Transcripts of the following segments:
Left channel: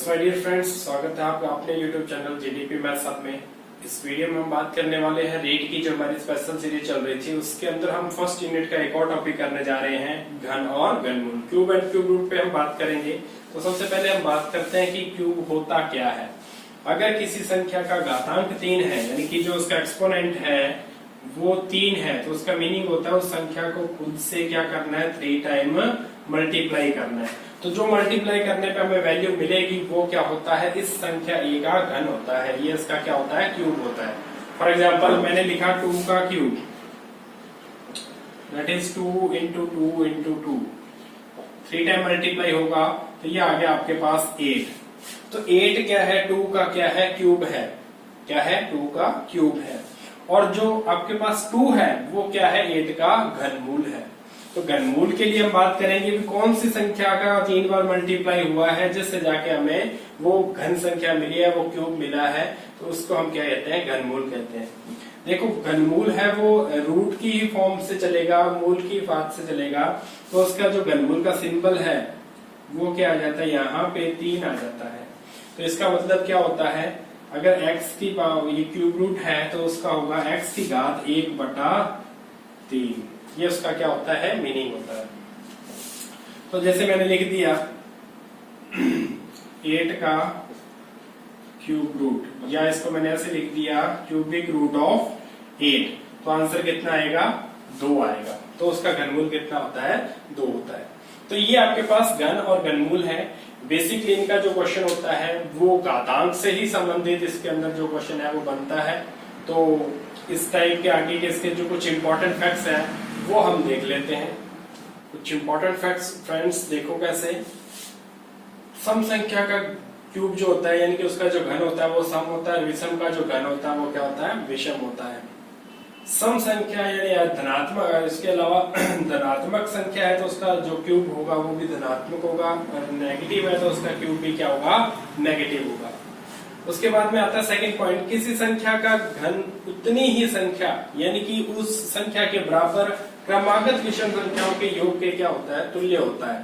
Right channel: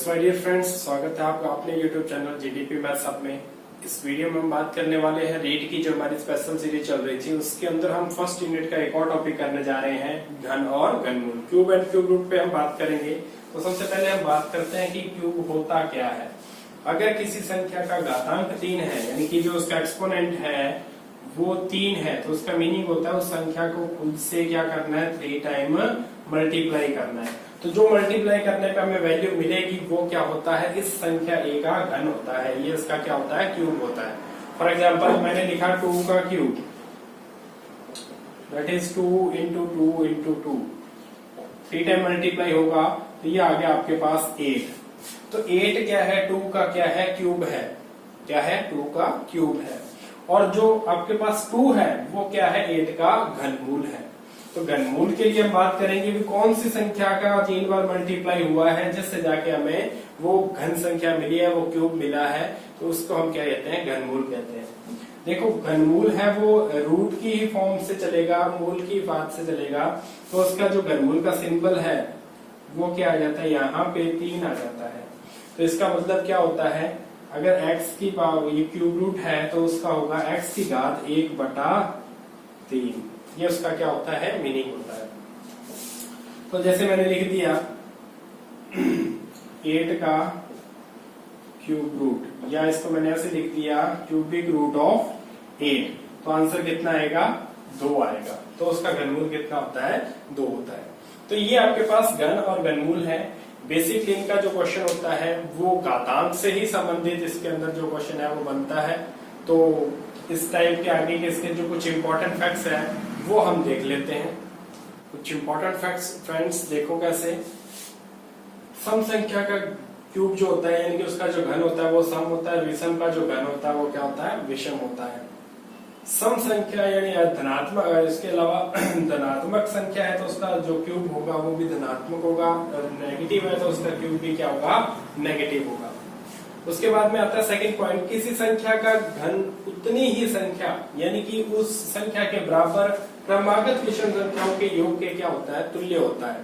Yes my dear friends, स्वागत है आपका अपने YouTube channel GDP maths hub में। इस वीडियो में हम बात करने वाले हैं रीड की, जो हमारी स्पेशल सीरीज चल रही थी उसके अंदर हम फर्स्ट यूनिट का एक और टॉपिक करने जा रहे हैं, घन और घनमूल। क्यूब एंड क्यूब रूट पे हम बात करेंगे। तो सबसे पहले हम बात करते हैं कि क्यूब होता क्या है। अगर किसी संख्या का घातांक 3 है, यानी कि जो उसका एक्सपोनेंट है वो 3 है, तो उसका मीनिंग होता है उस संख्या को खुद से क्या करना है, 3 टाइम मल्टीप्लाई करना है। तो जो मल्टीप्लाई करने पे हमें वैल्यू मिलेगी वो क्या होता है, इस संख्या ए का घन होता है। ये इसका क्या होता है, क्यूब होता है। फॉर एग्जाम्पल मैंने लिखा 2 का cube, that is 2 into 2 into 2, 3 time multiply होगा तो ये आ गया आपके पास 8। तो 8 क्या है, 2 का क्या है, क्यूब है। क्या है, 2 का क्यूब है। और जो आपके पास 2 है वो क्या है, 8 का घनमूल है। तो घनमूल के लिए हम बात करेंगे कि कौन सी संख्या का 3 बार मल्टीप्लाई हुआ है जिससे जाके हमें वो घन संख्या मिली है, वो क्यूब मिला है, तो उसको हम क्या कहते हैं, घनमूल कहते हैं। देखो घनमूल है वो रूट की ही फॉर्म से चलेगा, मूल की बात से चलेगा, तो उसका जो घनमूल का सिंबल है वो क्या आ जाता है, यहाँ पे 3 आ जाता है। तो इसका मतलब क्या होता है, अगर x की पावर ये क्यूब रूट है तो उसका होगा x की घात 1/3। ये उसका क्या होता है, मीनिंग होता है। तो जैसे मैंने लिख दिया 8 का क्यूब रूट, या इसको मैंने ऐसे लिख दिया क्यूबिक रूट ऑफ 8, तो आंसर कितना आएगा, 2 आएगा। तो उसका घनमूल कितना होता है, 2 होता है। तो ये आपके पास घन और घनमूल है। बेसिकली इनका जो क्वेश्चन होता है वो घातांक से ही संबंधित इसके अंदर जो क्वेश्चन है वो बनता है। तो इस टाइप के आगे के इसके जो कुछ इंपॉर्टेंट फैक्ट्स हैं वो हम देख लेते हैं। कुछ इंपॉर्टेंट फैक्ट्स फ्रेंड्स देखो कैसे। सम संख्या का क्यूब जो होता है, यानी कि उसका जो घन होता है वो सम होता है, विषम का जो घन होता है वो क्या होता है, विषम होता है। सम संख्या यानी धनात्मक, इसके अलावा धनात्मक संख्या है तो उसका जो क्यूब होगा वो भी धनात्मक होगा, और नेगेटिव है तो उसका क्यूब भी क्या होगा, नेगेटिव होगा। उसके बाद में आता है सेकंड पॉइंट, किसी संख्या का घन उतनी ही संख्या यानी कि उस संख्या के बराबर क्रमागत विषम संख्याओं के योग के क्या होता है, तुल्य होता है।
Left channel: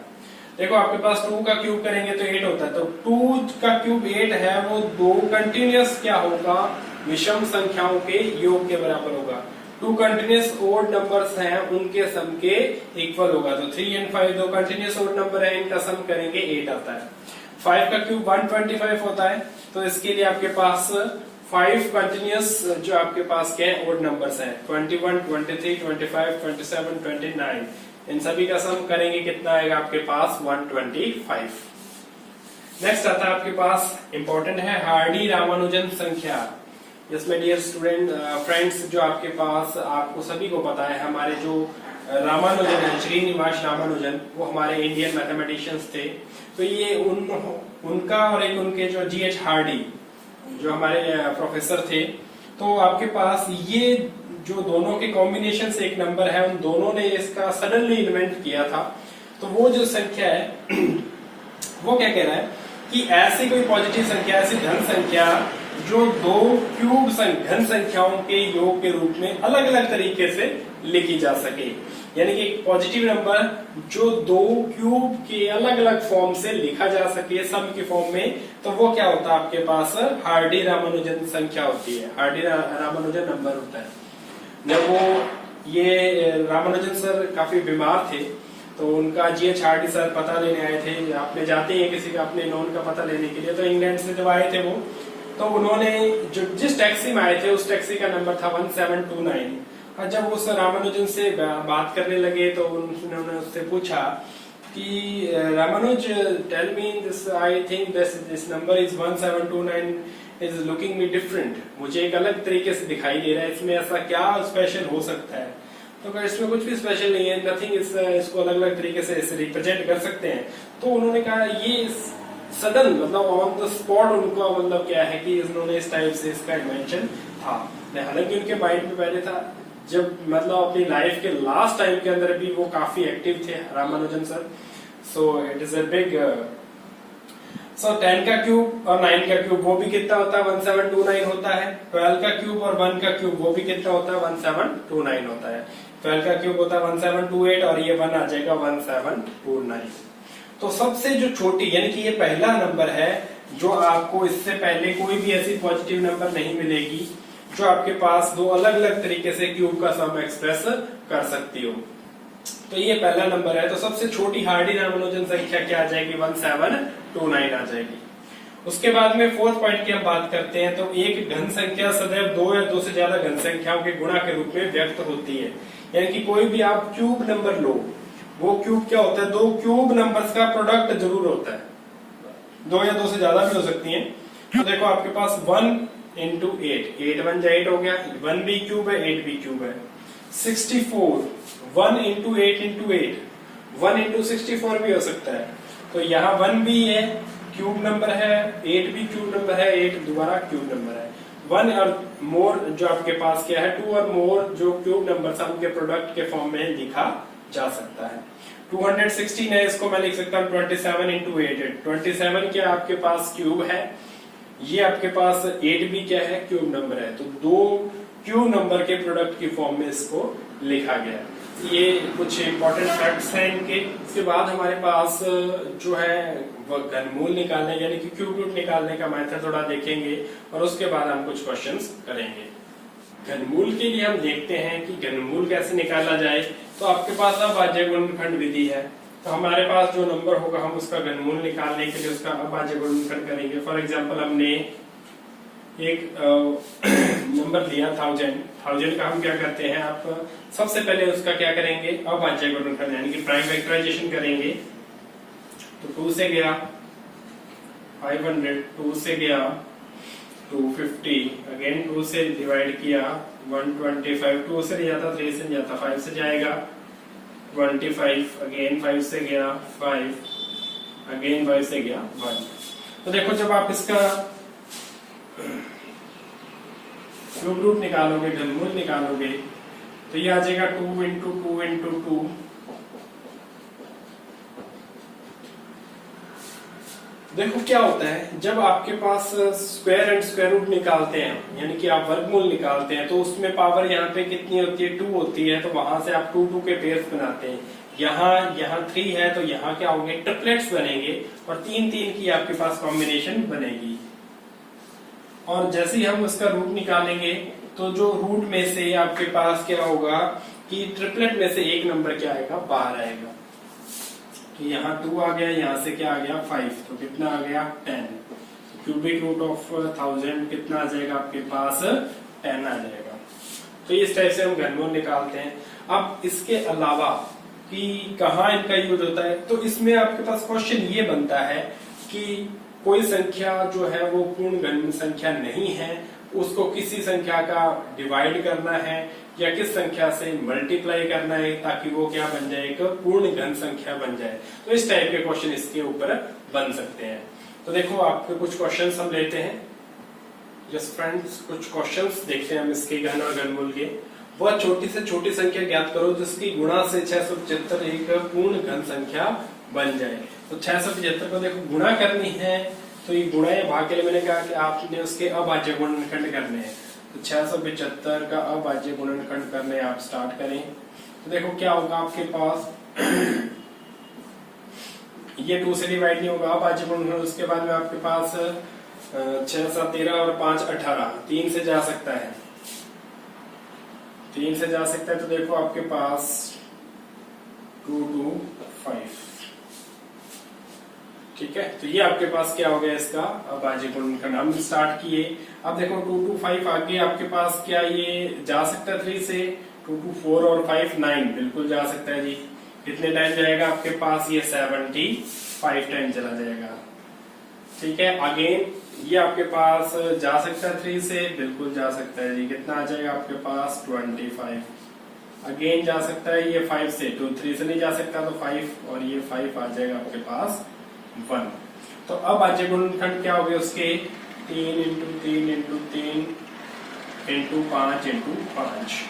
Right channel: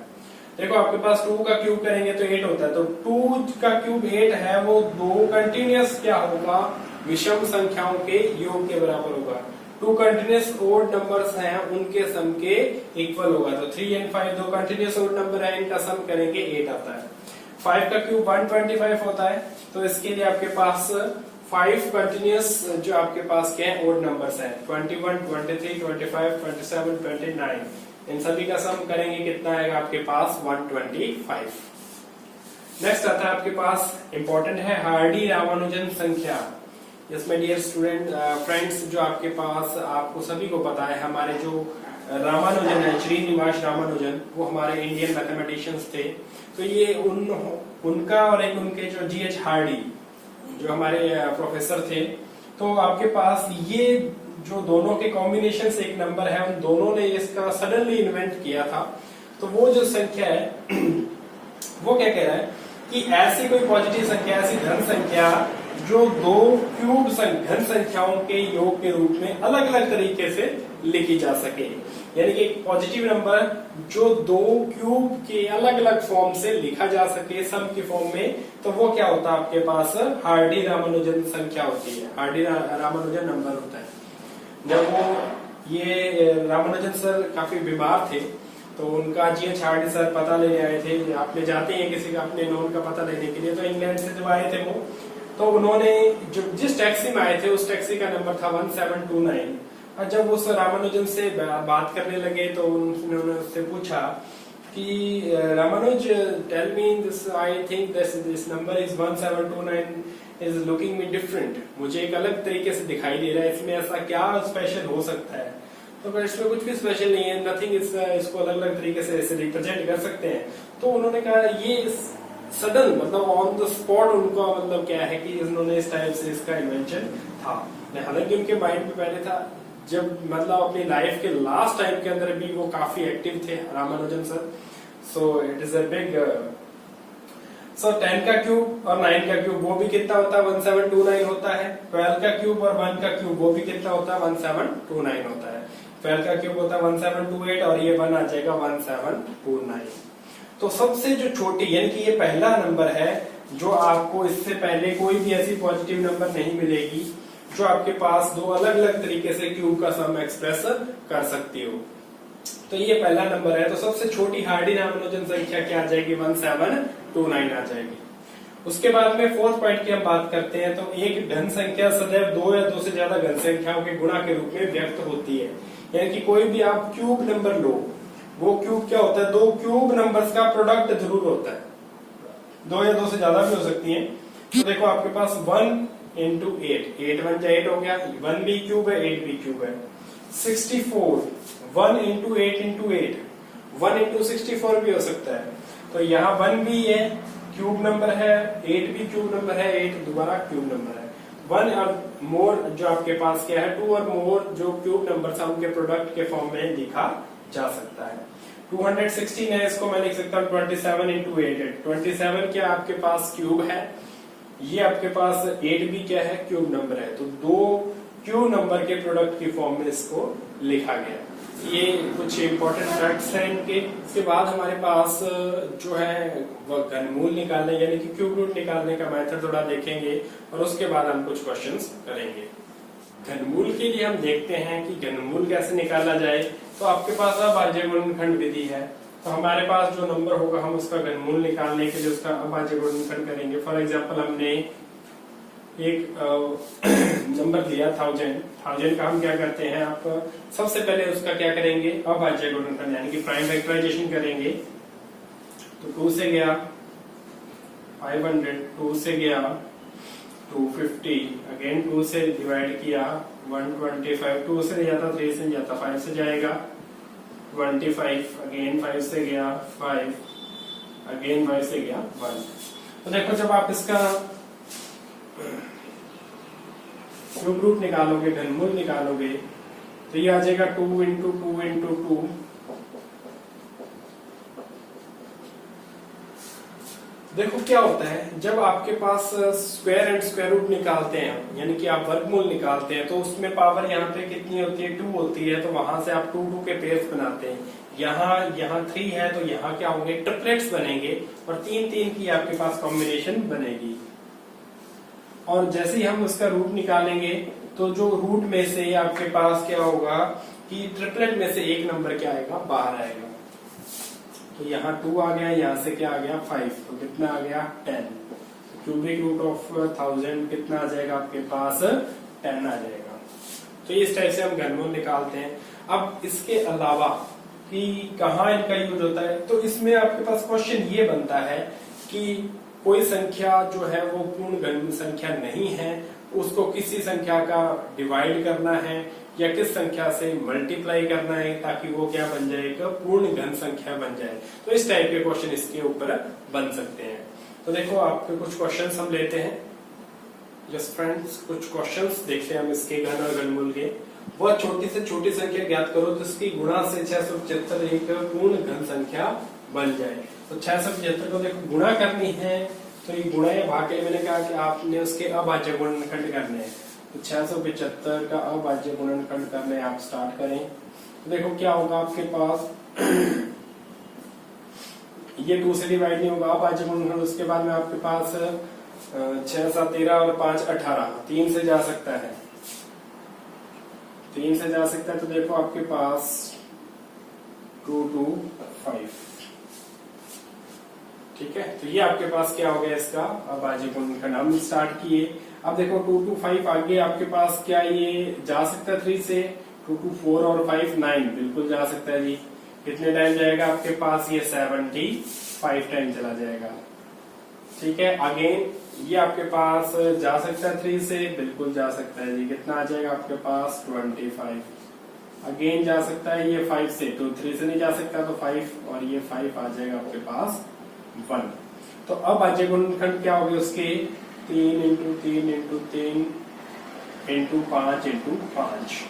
देखो आपके पास 2 का क्यूब करेंगे तो 8 होता है, तो 2 का क्यूब 8 है, वो 2 कंटिन्यूअस क्या होगा, विषम संख्याओं के योग के बराबर होगा। 2 कंटिन्यूअस ओड नंबर्स हैं, उनके सम के इक्वल होगा। तो 3 और 5 दो कंटिन्यूअस ओड नंबर है, इनका सम करेंगे 8 आता है। 5 का क्यूब 125 होता है, तो इसके लिए आपके पास 5 कंटिन्यूअस जो आपके पास क्या है, ओड नंबर्स हैं, 21, 23, 25, 27, 29, इन सभी का सम करेंगे कितना आएगा आपके पास, 125। नेक्स्ट आता है आपके पास इंपॉर्टेंट है हार्डी रामानुजन संख्या। जिसमें डियर स्टूडेंट फ्रेंड्स, जो आपके पास आपको सभी को पता है, हमारे जो रामानुजन है, श्रीनिवास रामानुजन, वो हमारे इंडियन मैथमेटिशियंस थे। तो ये उनका और एक उनके जो जीएच हार्डी जो हमारे प्रोफेसर थे, तो आपके पास ये जो दोनों के कॉम्बिनेशन से एक नंबर है, उन दोनों ने इसका सडनली इन्वेंट किया था। तो वो जो संख्या है वो क्या कह रहा है कि ऐसी कोई पॉजिटिव संख्या, ऐसी धन संख्या जो 2 क्यूब घन संख्याओं के योग के रूप में अलग अलग तरीके से लिखी जा सके, यानी कि एक पॉजिटिव नंबर जो 2 क्यूब के अलग अलग फॉर्म से लिखा जा सके सम की फॉर्म में, तो वो क्या होता है आपके पास, हार्डी रामानुजन संख्या होती है, हार्डी रामानुजन नंबर होता है। जब वो ये रामानुजन सर काफी बीमार थे तो उनका जीएच हार्डी सर पता लेने आए थे। आपने जाते हैं किसी का अपने नोन का पता लेने के लिए, तो इंग्लैंड से जब आए थे वो, तो उन्होंने जो जिस टैक्सी में आए थे उस टैक्सी का नंबर था 1729। और जब उस रामानुजन से बात करने लगे तो उन्होंने उससे पूछा कि Ramanujan, tell me this, I think this number is 1729 is looking me different, मुझे एक अलग तरीके से दिखाई दे रहा है, इसमें ऐसा क्या स्पेशल हो सकता है। तो इसमें कुछ भी स्पेशल नहीं है, नथिंग, इसको अलग अलग तरीके से रिप्रेजेंट कर सकते हैं। तो उन्होंने कहा ये सडन, मतलब ऑन द स्पॉट उनका मतलब क्या है कि उन्होंने इस टाइप से इसका इन्वेंशन था। हालांकि उनके माइंड में पहले था, जब मतलब अपनी लाइफ के लास्ट टाइम के अंदर भी वो काफी एक्टिव थे Ramanujan sir. So it is a big, so 10 का क्यूब और 9 का क्यूब वो भी कितना होता है, 1729 होता है। 12 का क्यूब और 1 का क्यूब वो भी कितना होता है, 1729 होता है। 12 का क्यूब होता है 1728 और ये 1 आ जाएगा 1729। तो सबसे जो छोटी, यानी कि ये पहला नंबर है जो आपको इससे पहले कोई भी ऐसी पॉजिटिव नंबर नहीं मिलेगी जो आपके पास दो अलग अलग तरीके से क्यूब का सम एक्सप्रेस कर सकती हो। तो ये पहला नंबर है। तो सबसे छोटी हार्डी नामोनोजन संख्या क्या आ जाएगी, 1729 आ जाएगी। उसके बाद में फोर्थ पॉइंट की हम बात करते हैं। तो एक घन संख्या सदैव दो या दो से ज्यादा घन संख्याओं के गुणा के रूप में व्यक्त होती है। यानी कि कोई भी आप क्यूब नंबर लो, वो क्यूब क्या होता है, दो क्यूब नंबर्स का प्रोडक्ट जरूर होता है, दो या दो से ज्यादा भी हो सकती है। तो देखो आपके पास 1 इंटू 8, 8 1 जा 8 हो गया, 1 भी क्यूब है 8 भी क्यूब है। 64, 1 इंटू 8 इंटू 8, 1 इंटू 64 भी हो सकता है। तो यहाँ 1 भी है क्यूब नंबर है, 8 भी क्यूब नंबर है, 8 दोबारा क्यूब नंबर है। 1 और मोर जो आपके पास क्या है, 2 और मोर जो क्यूब नंबर है उनके प्रोडक्ट के फॉर्म में लिखा जा सकता है। 216 है, इसको मैं लिख सकता हूँ 27 इंटू 8 है। 27 क्या आपके पास क्यूब है, ये आपके पास 8 भी क्या है क्यूब नंबर है। तो दो क्यूब नंबर के प्रोडक्ट की फॉर्म में इसको लिखा गया है। ये कुछ इंपॉर्टेंट फैक्ट्स हैं इनके। इसके बाद हमारे पास जो है वो घनमूल निकालने यानी कि क्यूब रूट निकालने का मेथड थोड़ा देखेंगे और उसके बाद हम कुछ क्वेश्चंस करेंगे। घनमूल के लिए हम देखते हैं कि घनमूल कैसे निकाला जाए। तो आपके पास अभाज्य गुणनखंड विधि है। तो हमारे पास जो नंबर होगा हम उसका घनमूल निकालने के लिए उसका अभाज्य गुणनखंड करेंगे। फॉर एग्जाम्पल हमने एक नंबर दिया 1000 का हम क्या करते हैं, आप सबसे पहले उसका क्या करेंगे, अभाज्य गुणनखंड यानी कि प्राइम फैक्टराइजेशन करेंगे। तो 2 से गया 500, 2 से गया 250, अगेन 2 से डिवाइड किया 125, 2 से नहीं जाता, 3 से नहीं जाता, 5 से जाएगा 25, अगेन 5 से गया 5, अगेन 5 से गया 1। तो देखो जब आप इसका क्यूब रूट निकालोगे, घनमूल निकालोगे, तो ये आ जाएगा 2 इंटू 2 इंटू 2। देखो क्या होता है, जब आपके पास स्क्वायर एंड स्क्वायर रूट निकालते हैं यानी कि आप वर्गमूल निकालते हैं, तो उसमें पावर यहाँ पे कितनी होती है, 2 होती है। तो वहां से आप 2 के पेयर्स बनाते हैं। यहाँ 3 है तो यहाँ क्या होंगे, ट्रिपलेट्स बनेंगे और 3 की आपके पास कॉम्बिनेशन बनेगी। और जैसे ही हम उसका रूट निकालेंगे तो जो रूट में से आपके पास क्या होगा कि ट्रिपलेट में से एक नंबर क्या आएगा, बाहर आएगा। तो यहाँ 2 आ गया, यहाँ से क्या आ गया 5, तो कितना आ गया 10। तो क्यूबिक रूट ऑफ 1000 कितना आ जाएगा आपके पास, 10 आ जाएगा। तो इस टाइप से हम घनमूल निकालते हैं। अब इसके अलावा कि कहाँ इनका यूज होता है, तो इसमें आपके पास क्वेश्चन ये बनता है कि कोई संख्या जो है वो पूर्ण घन संख्या नहीं है, उसको किसी संख्या का डिवाइड करना है या किस संख्या से मल्टीप्लाई करना है ताकि वो क्या बन जाए, एक पूर्ण घन संख्या बन जाए। तो इस टाइप के क्वेश्चन इसके ऊपर बन सकते हैं। तो देखो आपके कुछ क्वेश्चंस हम लेते हैं। यस फ्रेंड्स, कुछ क्वेश्चंस देखते हैं हम इसके घन और घनमूल के। वह छोटी से छोटी संख्या ज्ञात करो जिसकी गुणा से 675 एक पूर्ण घन संख्या बन जाए। तो 675 को देखो गुणा करनी है, तो ये गुणा या भाग के लिए मैंने कहा कि आपने उसके अभाज्य गुणनखंड करने हैं। तो 675 का अभाज्य गुणनखंड करने आप स्टार्ट करें। तो देखो क्या होगा आपके पास ये 2 से डिवाइड नहीं होगा, अभाज्य गुणनखंड। उसके बाद में आपके पास 6 7 13 और 5 18, 3 से जा सकता है, 3 से जा सकता है। तो देखो आपके पास 2 2 5, ठीक है। तो ये आपके पास क्या हो गया, इसका अभाज्य गुणनखंड हम स्टार्ट किए। अब देखो 2 2 5 आगे आपके पास क्या ये जा सकता है 3 से, 2 2 4 और 5 9 बिल्कुल जा सकता है जी। कितने टाइम जाएगा आपके पास, ये 75 टाइम चला जाएगा, ठीक है। अगेन ये आपके पास जा सकता है 3 से, बिल्कुल जा सकता है जी। कितना आ जाएगा आपके पास 25। अगेन जा सकता है ये 5 से, तो 3 से नहीं जा सकता, तो 5 और ये 5 आ जाएगा आपके पास 1। तो अब अभाज्य गुणनखंड क्या हो गए उसके, 3 इंटू 3 इंटू 3 इंटू 5 इंटू 5।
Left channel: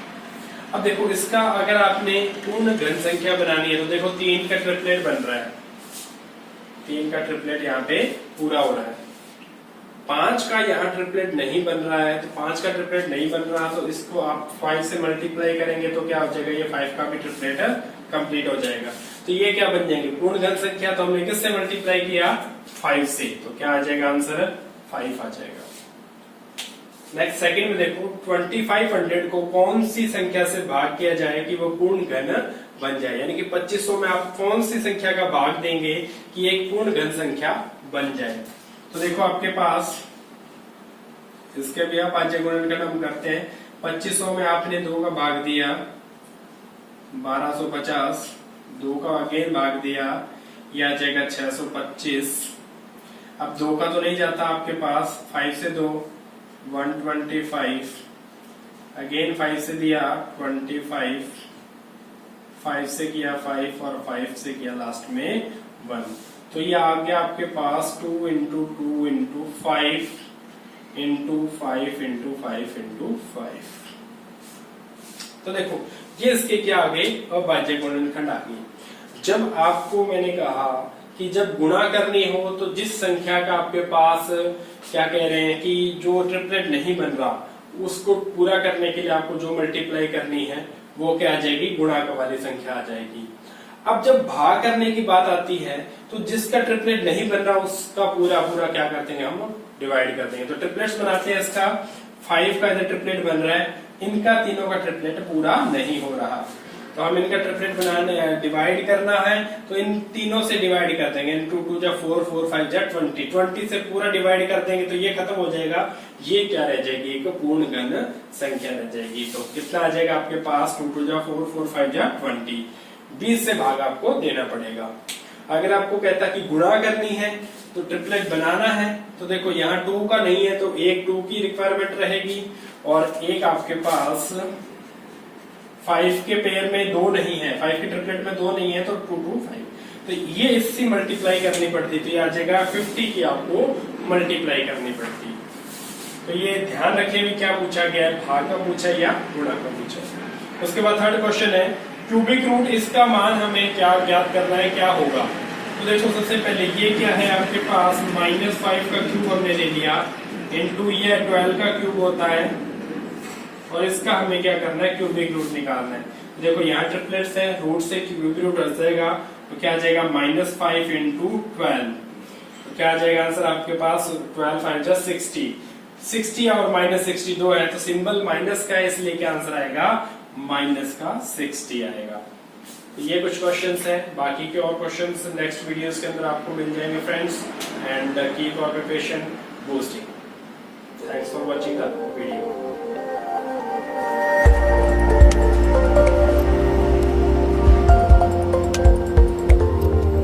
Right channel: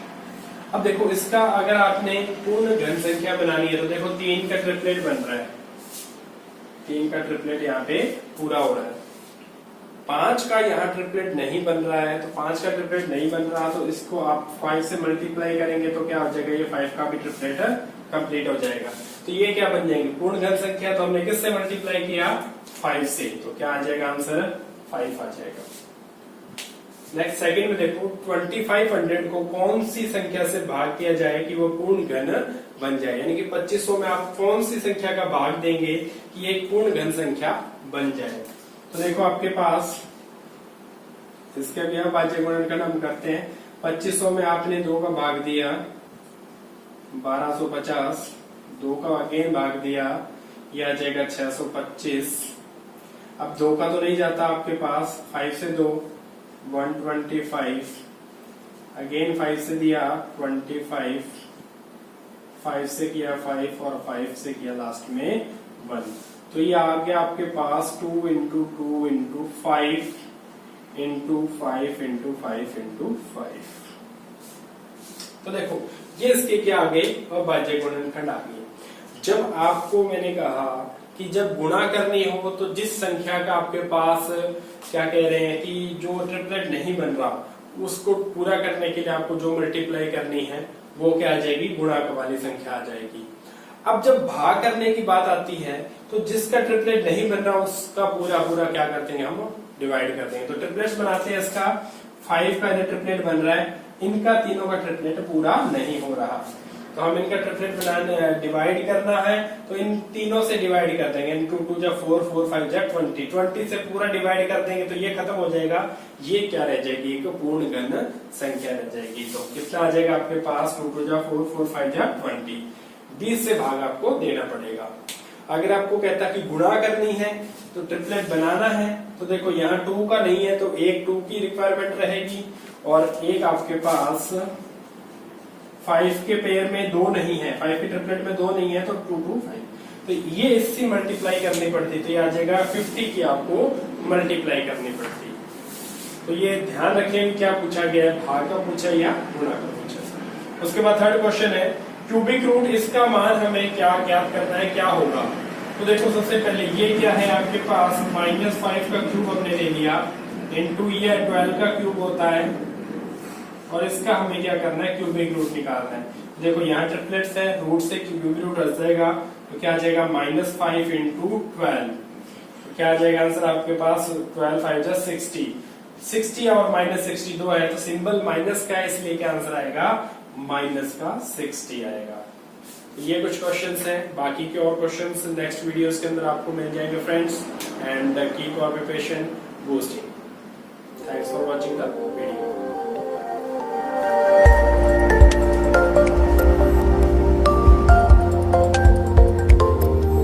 अब देखो इसका अगर आपने पूर्ण घन संख्या बनानी है तो देखो 3 का ट्रिपलेट बन रहा है, 3 का ट्रिपलेट यहाँ पे पूरा हो रहा है। 5 का यहाँ ट्रिपलेट नहीं बन रहा है, तो 5 का ट्रिपलेट नहीं बन रहा तो इसको आप 5 से मल्टीप्लाई करेंगे तो क्या हो जाएगा, ये 5 का भी ट्रिपलेट कंप्लीट हो जाएगा। तो ये क्या बन जाएंगे, पूर्ण घन संख्या। तो हमने किससे मल्टीप्लाई किया, 5 से, तो क्या आ जाएगा आंसर, 5 आ जाएगा। नेक्स्ट सेकंड में देखो, 2500 को कौन सी संख्या से भाग किया जाए कि वो पूर्ण घन बन जाए, यानी कि 2500 में आप कौन सी संख्या का भाग देंगे कि एक पूर्ण घन संख्या बन जाए। तो देखो आपके पास इसके भी आप भाज्य गुणनखंड हम करते हैं। 2500 में आपने 2 का भाग दिया, 1250, 2 का अगेन भाग दिया, यह आ जाएगा 625। अब 2 का तो नहीं जाता आपके पास, 5 से 2 125, अगेन 5 से दिया 25, 5 से किया 5 और 5 से किया लास्ट में 1। तो ये आ गया आपके पास 2 into 2 into 5 into 5 into 5 into 5। तो देखो ये इसके क्या आ गए, अभाज्य गुणनखंड आ गए। जब आपको मैंने कहा कि जब गुणा करनी हो तो जिस संख्या का आपके पास क्या कह रहे हैं कि जो ट्रिपलेट नहीं बन रहा, उसको पूरा करने के लिए आपको जो मल्टीप्लाई करनी है वो क्या आ जाएगी, गुणांक वाली संख्या आ जाएगी। अब जब भाग करने की बात आती है तो जिसका ट्रिपलेट नहीं बन रहा उसका पूरा क्या कर देंगे, हम डिवाइड कर देंगे। तो ट्रिपलेट्स बनाते हैं, इसका 5 का इधर ट्रिपलेट बन रहा है, इनका तीनों का ट्रिपलेट पूरा नहीं हो रहा, तो हम इनका ट्रिपलेट बनाने डिवाइड करना है, तो इन तीनों से डिवाइड कर देंगे। 2 2 जा 4 4 5 जा 20, 20 से पूरा डिवाइड कर देंगे तो ये खत्म हो जाएगा। ये क्या रह जाएगी, एक पूर्ण घन संख्या रह जाएगी। तो कितना आ जाएगा आपके पास, 2 2 जा 4 4 5 जा 20, 20 से भाग आपको देना पड़ेगा। अगर आपको कहता कि गुणा करनी है तो ट्रिपलेट बनाना है, तो देखो यहाँ 2 का नहीं है तो एक 2 की रिक्वायरमेंट रहेगी, और एक आपके पास 5 के पेयर में 2 नहीं है, 5 के ट्रिपलेट में 2 नहीं है, तो 2 2 5, तो ये इससे मल्टीप्लाई करनी पड़ती, तो ये आ जाएगा 50 की आपको मल्टीप्लाई करनी पड़ती। तो ये ध्यान रखें भी क्या पूछा गया है, भाग का पूछा या गुणा का पूछा। उसके बाद थर्ड क्वेश्चन है क्यूबिक रूट, इसका मान हमें क्या ज्ञात करना है, क्या होगा। तो देखो सबसे पहले ये क्या है आपके पास, -5 का क्यूब हमने ले लिया, इंटू ये 12 का क्यूब होता है, और इसका हमें क्या करना है, क्यूबिक रूट निकालना है। देखो यहाँ ट्रिपलेट्स है, रूट से क्यूबिक रूट हट जाएगा, तो क्या आ जाएगा -5 इंटू 12, तो क्या आ जाएगा आंसर आपके पास, 12 5 जा 60, 60 और -60 2 है, तो सिंबल माइनस का है, इसलिए क्या आंसर आएगा, -60 आएगा। तो ये कुछ क्वेश्चंस हैं, बाकी के और क्वेश्चंस नेक्स्ट वीडियोस के अंदर आपको मिल जाएंगे friends, and keep your preparation boosting. Thanks for watching the video.